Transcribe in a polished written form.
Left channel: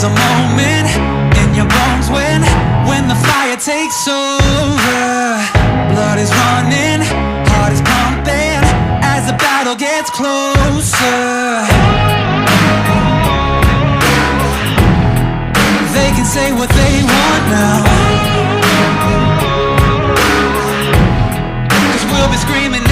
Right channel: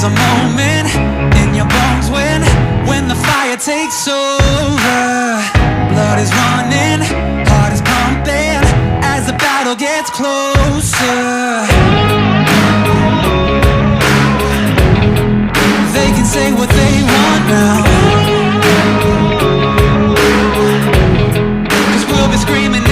There's a moment in your bones when the fire takes over. Blood is running, heart is pumping as the battle gets closer. They can say what they want now, 'cause we'll be screaming